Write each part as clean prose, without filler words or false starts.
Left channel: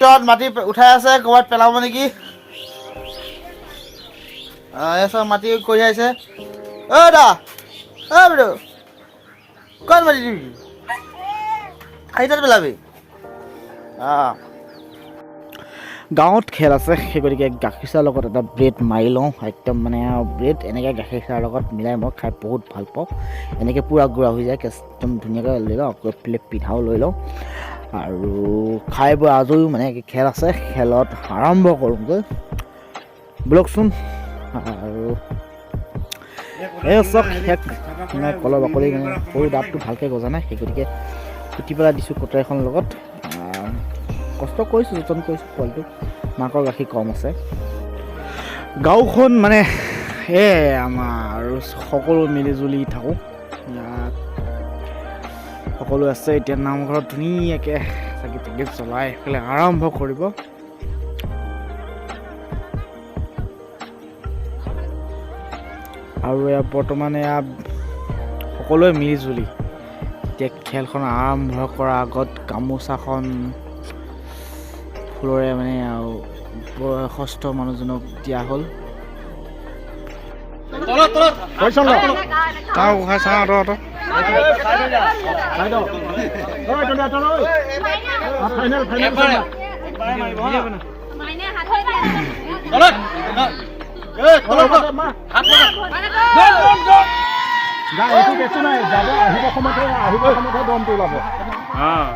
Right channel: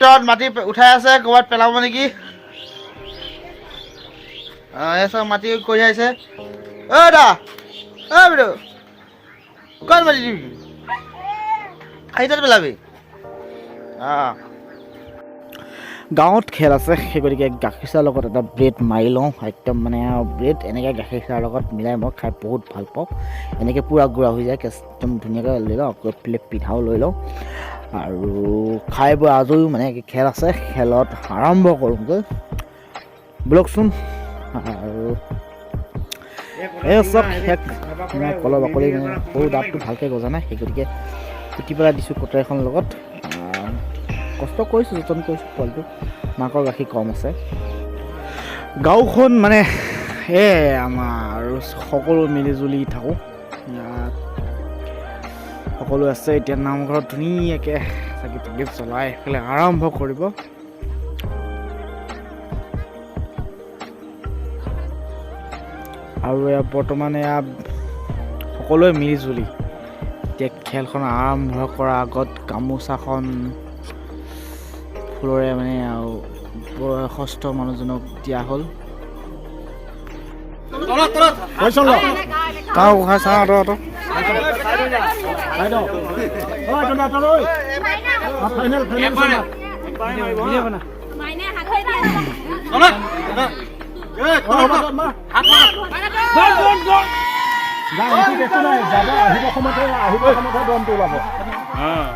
ট্ৰেক্টৰত মাটি উঠাই আছে ক'ৰবাত পেলাব নেকি চব মাটি কঢ়িয়াইছে দা বাইদেউ ক'ত মাটি দিবি আহি তাত পেলাবি গাঁৱত খেল আছে সেই গতিকে গাখীৰ চাহৰ লগত এটা ব্ৰেড মাৰি লওঁ একদম মানে ব্ৰেড এনেকৈ গাখীৰ চাহৰ লগত মিলাই মই খাই বহুত ভাল পাওঁ এনেকৈ পূৰা গুড়া হৈ যায় একদম ধুনীয়াকৈ লৈ লওঁ আকৌ প্লেট পিঠাও লৈ লওঁ আৰু খাই বৈ আজৰিও মানে খেল আছে খেলত আৰম্ভ কৰোঁগৈ ব'লকচোন আৰু এই চক শেষ মানে কলৰ বাকলি মানে সৰু দাঁতটো ভালকৈ গজা নাই সেই গতিকে কুটি পেলাই দিছোঁ কটাৰীখনৰ লগত কষ্ট কৰিছোঁ যতন কৰিছোঁ পোৱালিটো মাকৰ গাখীৰ কম আছে গাঁওখন মানে আমাৰ সকলো মিলিজুলি থাকোঁ ইয়াত সকলো আছে এতিয়া নামঘৰত ধুনীয়াকৈ চাকি তাকি জ্বলাই এইফালে আৰম্ভ কৰিব আৰু বৰ্তমান সকলোৱে মিলিজুলি এতিয়া খেলখন আৰম্ভ কৰাৰ আগত গামোচাখন ফুলৰে মানে আৰু বয়সস্থ মানুহজনক দিয়া হ'ল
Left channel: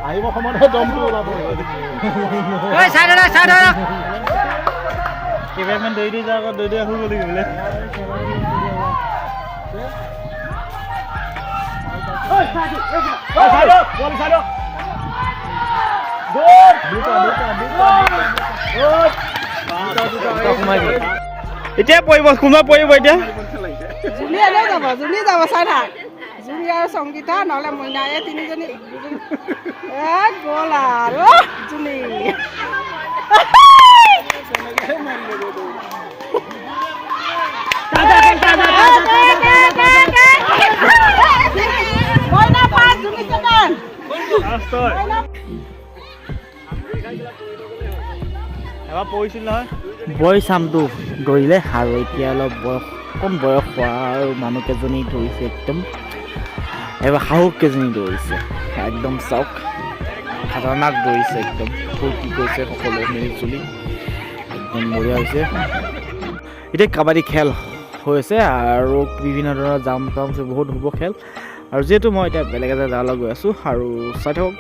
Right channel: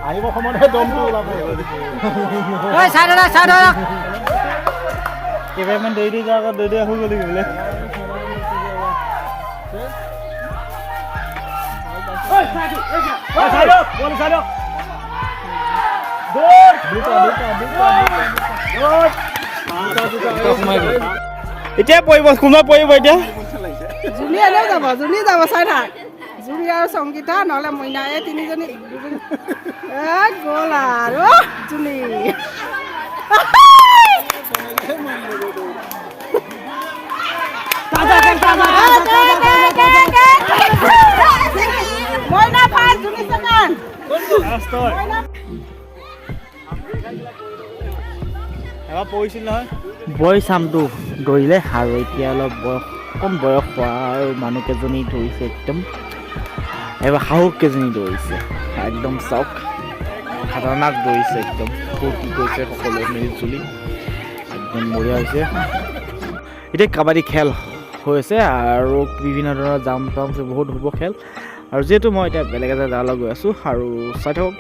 আহিব সময়তহে দমটো ওলাব কেইবাৰমান দৌৰি যাওঁ আকৌ দৌৰি আহোঁ বুলি বোলে এতিয়া পৰিব কোনোবা পৰিব এতিয়া জুলি যাব চাই থাক জুলি আৰু সংগীতা নহ'লে মইনায়ে তিনিজনী গ'ল আৰু জুলি এবাৰ পৰিছিল নহয় বয় চামটো দৌৰিলে আৰু এতিয়া অলপ কম বয়স হোৱা আৰু মানুহকেইজনী দৌৰিছে একদম এবাৰ সাহসকেইজনী দৌৰিছে একদম চাওক খাতাৰনাক দৌৰিছে একদম ফূৰ্তি কৰিছে সকলোৱে মিলিজুলি একদম বঢ়িয়া হৈছে এতিয়া কাবাডী খেল হৈছে আৰু বিভিন্ন ধৰণৰ জাম তাম বহুত হ'ব খেল আৰু যিহেতু মই এতিয়া বেলেগ এটা জেগালৈ গৈ আছোঁ আৰু চাই থাকক